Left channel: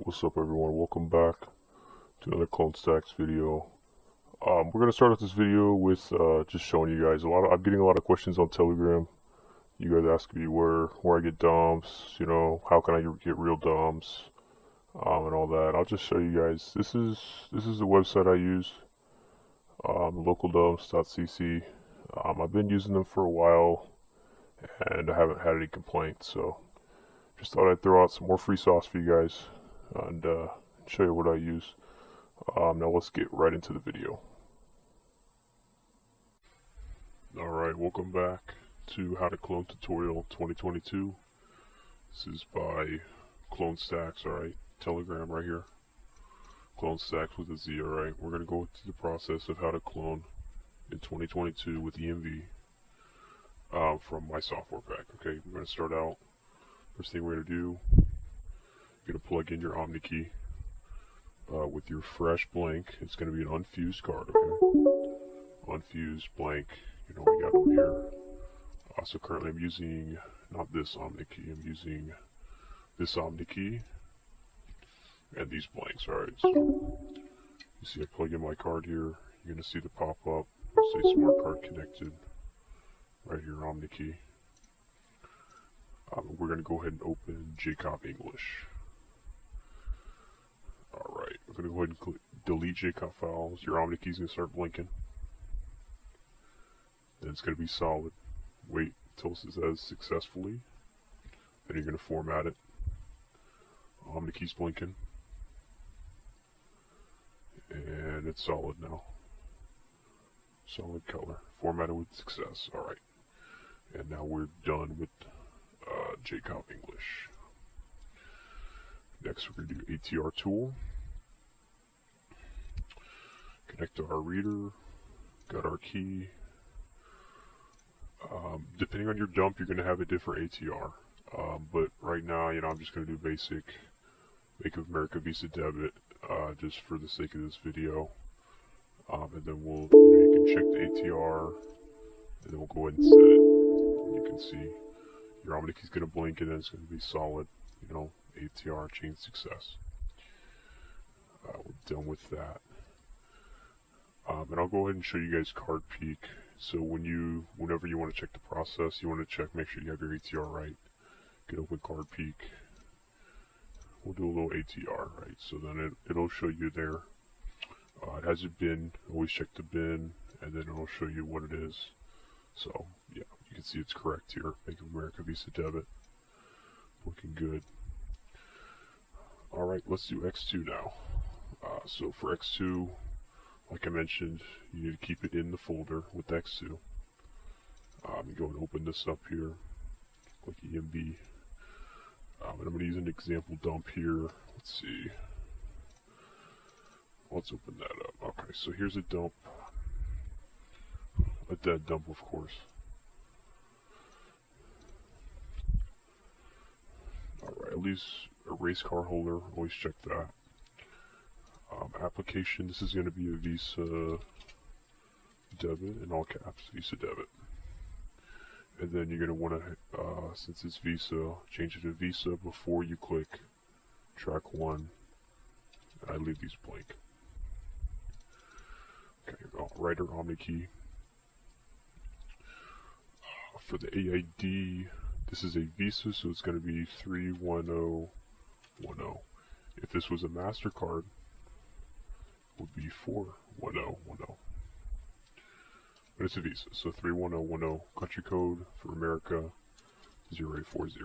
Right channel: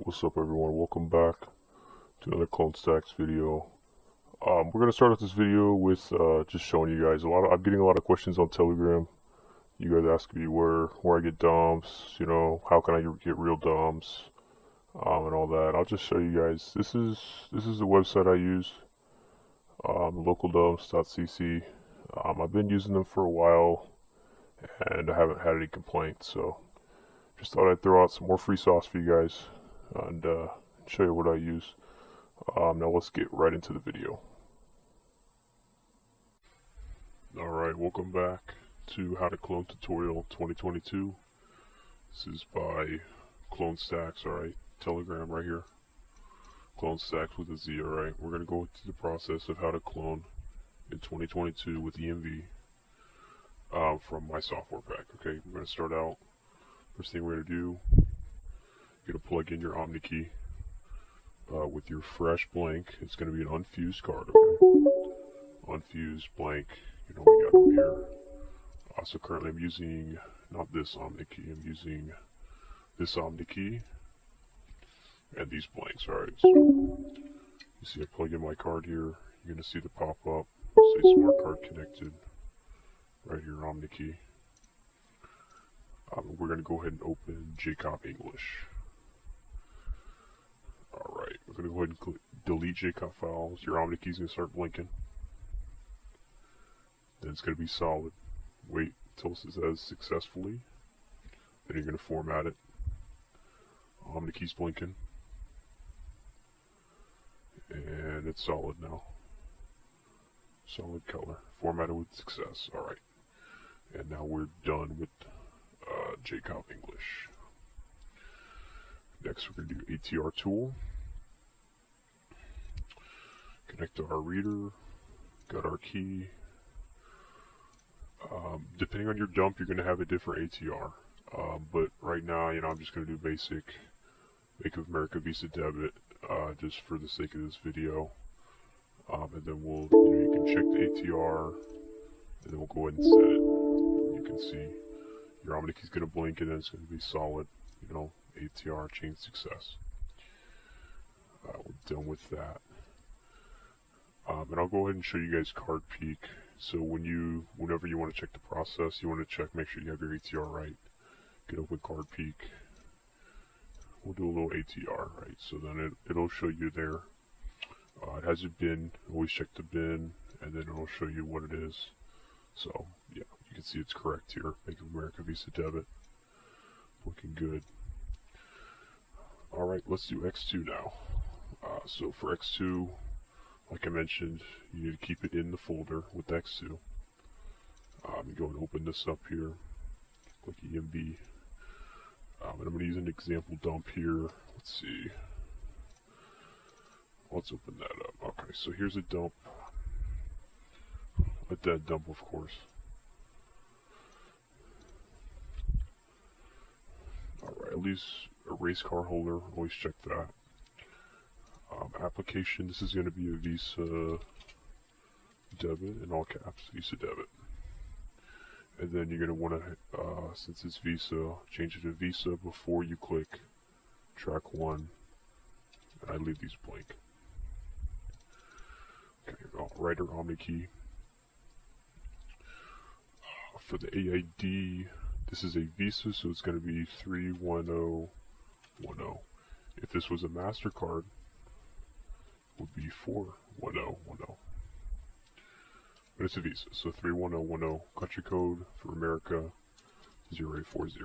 Alright, what's up everyone? Welcome back to another Clone Stacks video. We're gonna start off this video with just showing you guys I'm getting a lot of questions on Telegram. You guys ask me where I get DOMs, how can I get real DOMs, and all that. I'll just show you guys. This is the website I use, localdoms.cc. I've been using them for a while and I haven't had any complaints, so just thought I'd throw out some more free sauce for you guys and show you what I use. Now let's get right into the video. Alright, welcome back to How to Clone Tutorial 2022. This is by Clone Stacks, alright? Telegram right here. Clone Stacks with a Z, alright? We're going to go through the process of how to clone in 2022 with ENV from my software pack. Okay, we're going to start out. First thing we're going to do, you're going to plug in your Omni key with your fresh blank. It's going to be an unfused card, okay? Unfused blank. You know what we got over here. So currently I'm using not this Omni key. I'm using this Omni key and these blanks. Alright, so you see I plug in my card here. You're going to see the pop up. Say smart card connected. Right here, Omni key. We're going to go ahead and open JCOP English. Alright, we're going to go ahead and delete JCOP files. Your Omni key's going to start blinking. Then it's going to be solid. Wait until it says successfully. Then you're going to format it. Omni key's blinking. And it's solid now. Solid color. Formatted with success. Alright. And now we're done with JCOP English. Next we're going to do ATR tool. Connect to our reader. Got our key. Depending on your dump, you're going to have a different ATR. But right now, I'm just going to do basic Bank of America Visa debit, just for the sake of this video. And then you can check the ATR, and then we'll go ahead and set it. You can see your Omni key is going to blank, and then it's going to be solid. ATR chain success. We're done with that. And I'll go ahead and show you guys card peek. So whenever you want to check the process, you want to check, make sure you have your ATR right. Get a quick card peek. We'll do a little ATR, right? So then it'll show you there. It has a bin. Always check the bin, and then I'll show you what it is. So yeah, you can see it's correct here. Bank of America Visa debit. Looking good. Alright, let's do X2 now. So for X2, like I mentioned, you need to keep it in the folder with X2. You're going to open this up here, like EMB. And I'm going to use an example dump here. Let's see. Let's open that up. Okay, so here's a dump. With that dump, of course. Alright, at least a race car holder. Always check that. Application, this is going to be a Visa debit, in all caps, Visa debit. And then you're going to want to, since it's Visa, change it to Visa before you click track 1. I leave these blank. Okay, write our Omni key. For the AID, this is a Visa, so it's going to be 31010. If this was a MasterCard, would be 41010. But it's a Visa, so 31010. Country code for America 0840.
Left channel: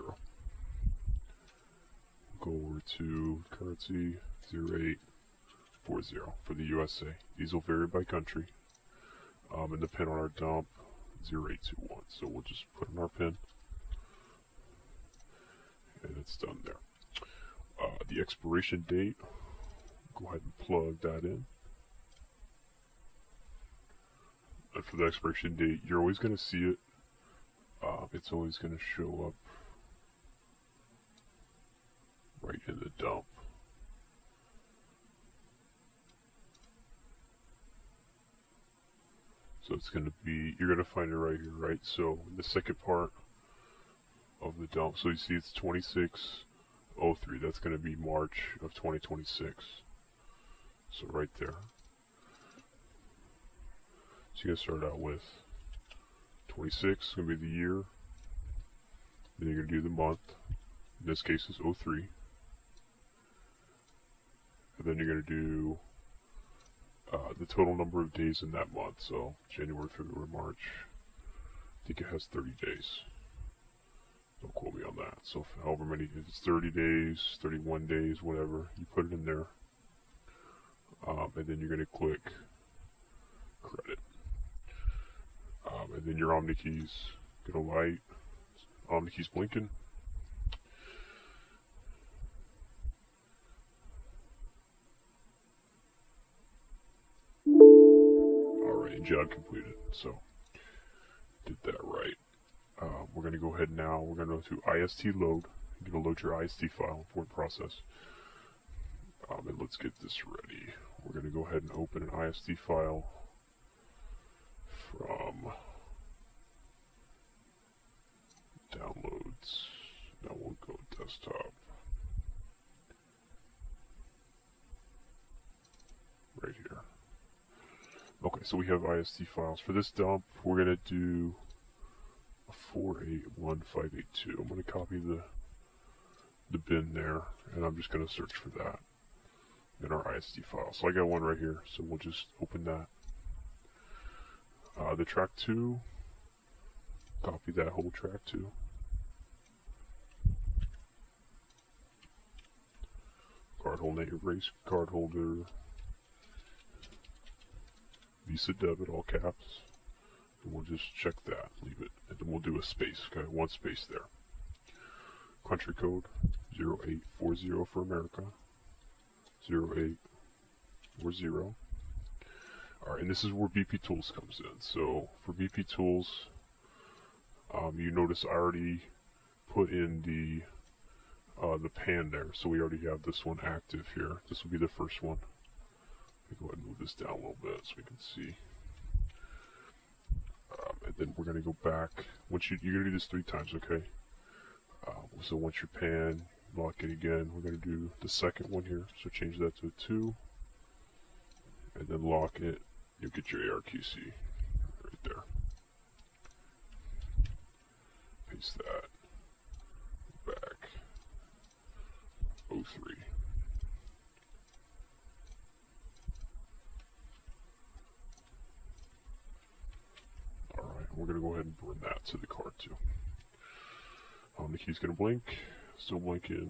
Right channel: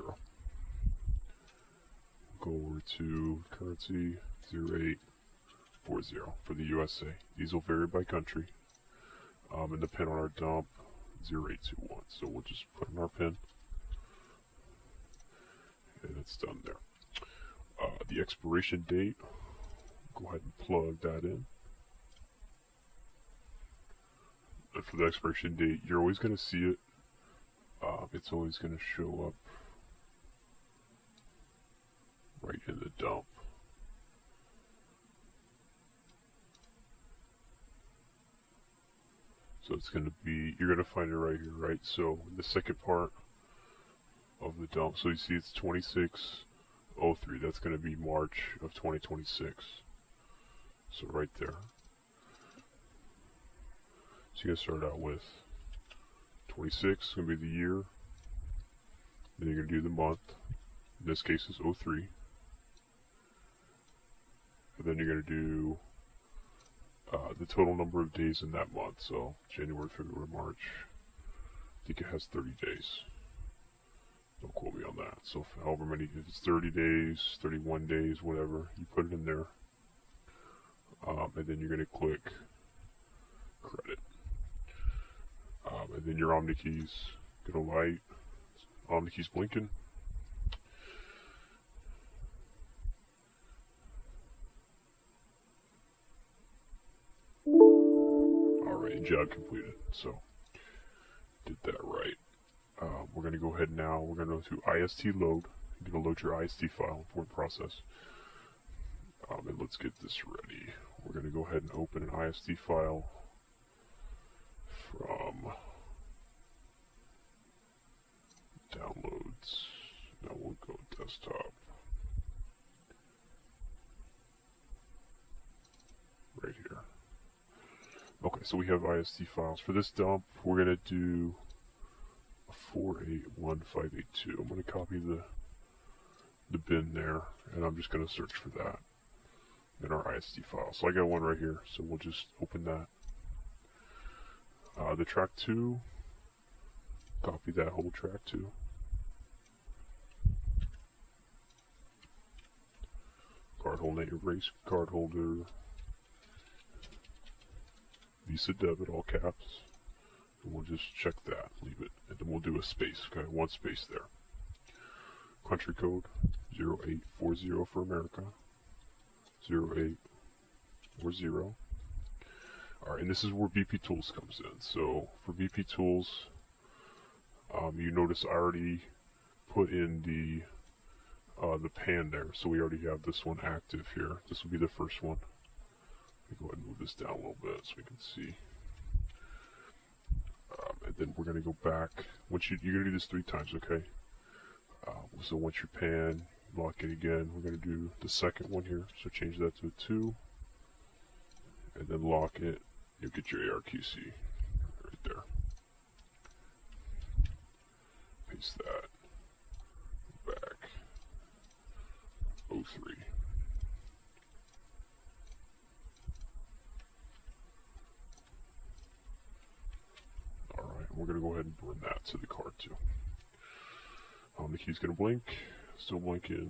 Go over to currency 0840 for the USA. These will vary by country. And the pin on our dump 0821. So we'll just put in our pin, and it's done there. The expiration date. Go ahead and plug that in. And for the expiration date, you're always going to see it. It's always going to show up right in the dump. So it's going to be, you're going to find it right here, right? So the second part of the dump, so you see it's 26 03, that's going to be March of 2026. So right there. So you're going to start out with 26, going to be the year. Then you're going to do the month. In this case, it's 03. And then you're going to do the total number of days in that month. So January, February, March. I think it has 30 days. Don't quote me on that. So however many, it's 30 days, 31 days, whatever, you put it in there. And then you're going to click credit. And then your Omni keys going to light. Omni keys blinking. Alright, job completed. So, did that right. We're going to go ahead now. We're going to go to IST load. You're going to load your IST file, import process. And let's get this ready. We're going to go ahead and open an IST file from downloads. Now we'll go desktop. Right here. Okay, so we have IST files. For this dump, we're going to do 481582. I'm going to copy the bin there, and I'm just going to search for that in our IST file. So I got one right here, so we'll just open that. The track2, copy that whole track2. Card holder, erase card holder, Visa debit, all caps, and we'll just check that, leave it, and then we'll do a space, okay, one space there. Country code 0840 for America, 0840. Alright, and this is where BP Tools comes in. So for BP Tools, you notice I already put in the pan there, so we already have this one active here. This will be the first one. Let me go ahead and move this down a little bit so we can see. And then we're going to go back. You're going to do this 3 times, okay? So once you pan, lock it again. We're going to do the second one here. So change that to a 2. And then lock it. You get your ARQC right there. Paste that. Back. 03. Alright, we're going to go ahead and burn that to the card too. The key's going to blink. Still blinking.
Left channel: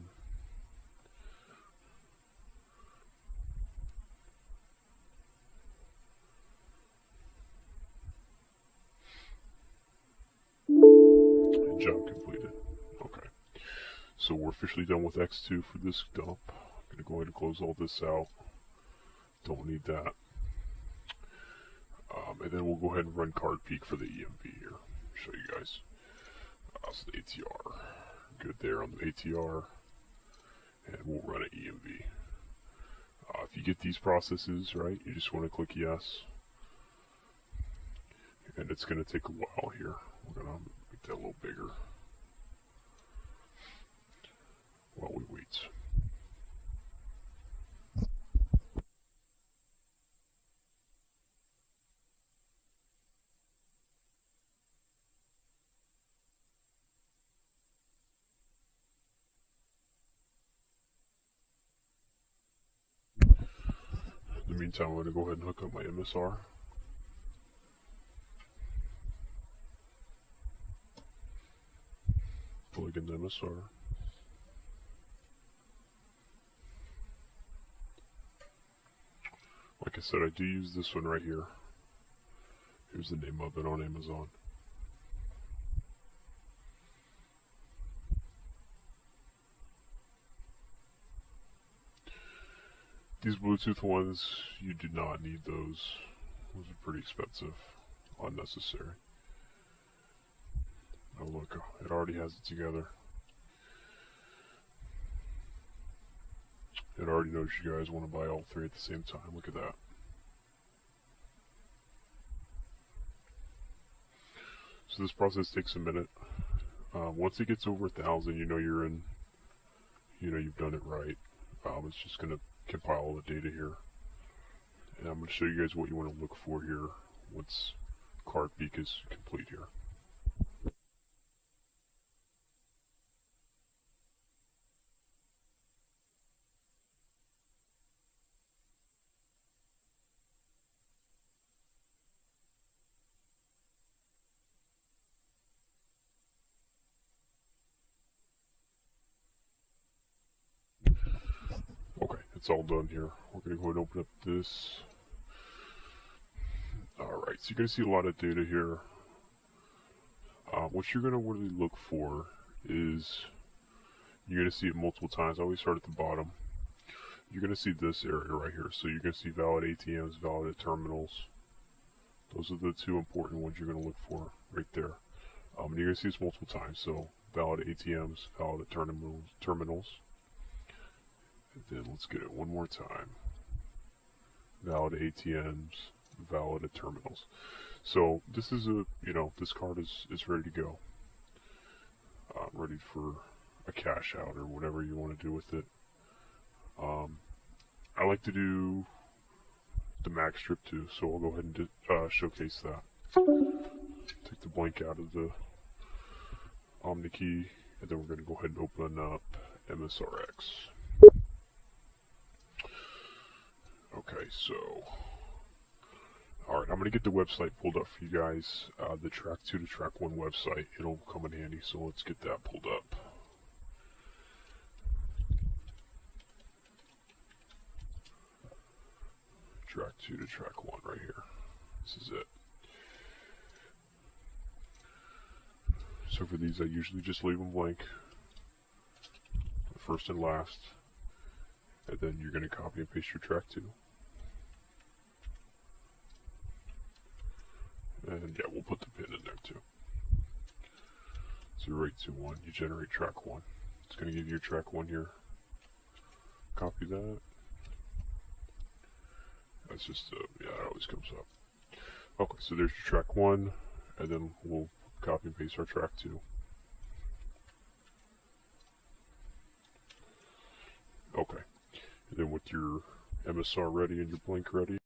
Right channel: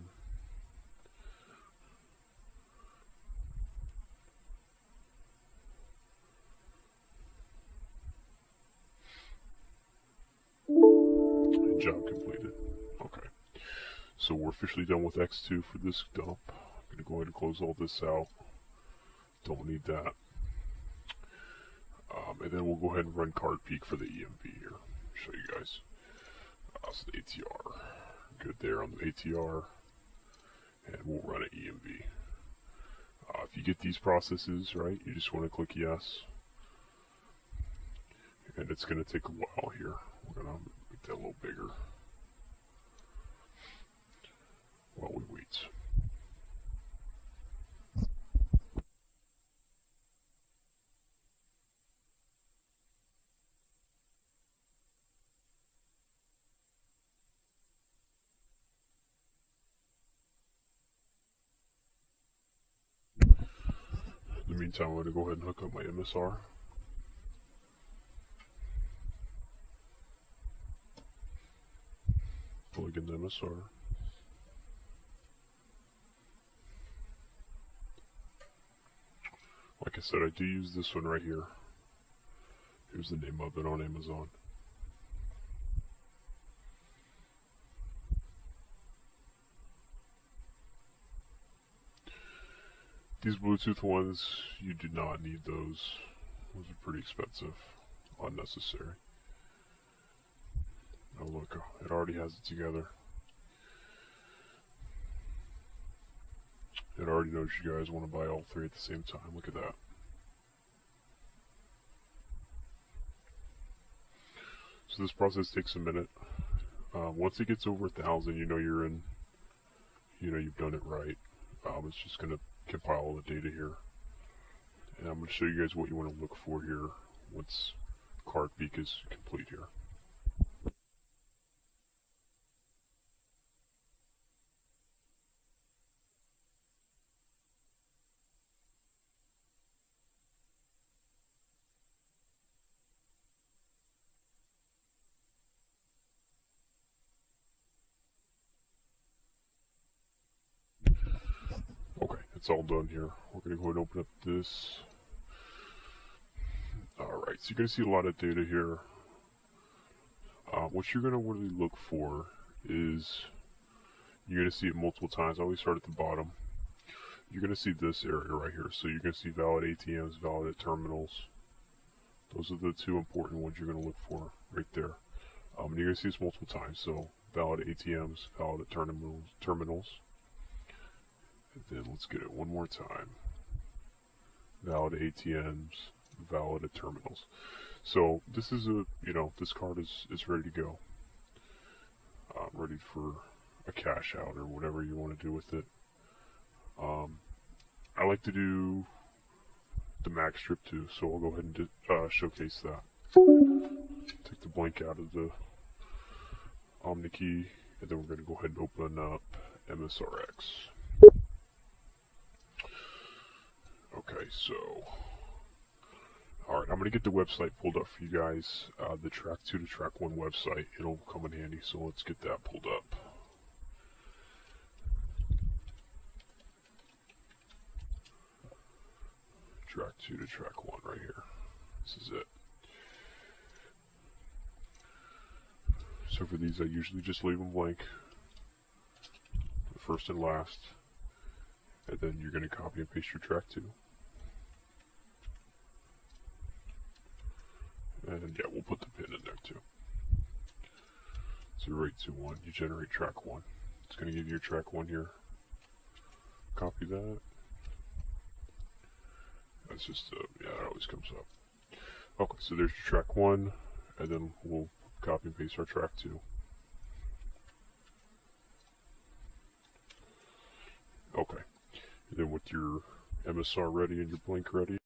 Job completed. Okay. So we're officially done with X2 for this dump. I'm going to go ahead and close all this out. Don't need that. And then we'll go ahead and run card peek for the EMV here. Show you guys. That's the ATR. Good there on the ATR. And we'll run an EMV. If you get these processes, right, you just want to click yes. And it's going to take a while here. We're going to make that a little bigger while we wait. In the meantime, I'm going to go ahead and hook up my MSR. Plug in the MSR. Like I said, I do use this one right here. Here's the name of it on Amazon. These Bluetooth ones, you do not need those. Those are pretty expensive, unnecessary. Oh look, it already has it together. It already knows you guys want to buy all 3 at the same time. Look at that. So this process takes a minute. Once it gets over 1,000, you know you're you know you've done it right. It's just going to compile all the data here. And I'm going to show you guys what you want to look for here once card peek is complete here. Okay, it's all done here. We're going to go ahead and open up this. Alright, so you're going to see a lot of data here. What you're going to want to look for is, you're going to see it multiple times. I always start at the bottom. You're going to see this area right here. So you're going to see valid ATMs, valid terminals. Those are the two important ones you're going to look for right there. And you're going to see this multiple times. So valid ATMs, valid terminals. And then let's get it one more time. Valid ATMs, valid terminals. So this is this card is ready to go. Ready for a cash out or whatever you want to do with it. I like to do the mag strip too, so I'll go ahead and showcase that. Take the blank out of the key, and then we're going to go ahead and open up MSRX. Okay, so, alright, I'm going to get the website pulled up for you guys, the track 2 to track 1 website. It'll come in handy, so let's get that pulled up. Track 2 to track 1 right here. This is it. So for these, I usually just leave them blank, the first and last, and then you're going to copy and paste your track 2. And yeah, we'll put the pin in there too. 0821, you generate track 1. It's going to give you track 1 here. Copy that. That's just, yeah, it always comes up. Okay, so there's track 1, and then we'll copy and paste our track 2. Okay, and then with your MSR ready and your blank ready,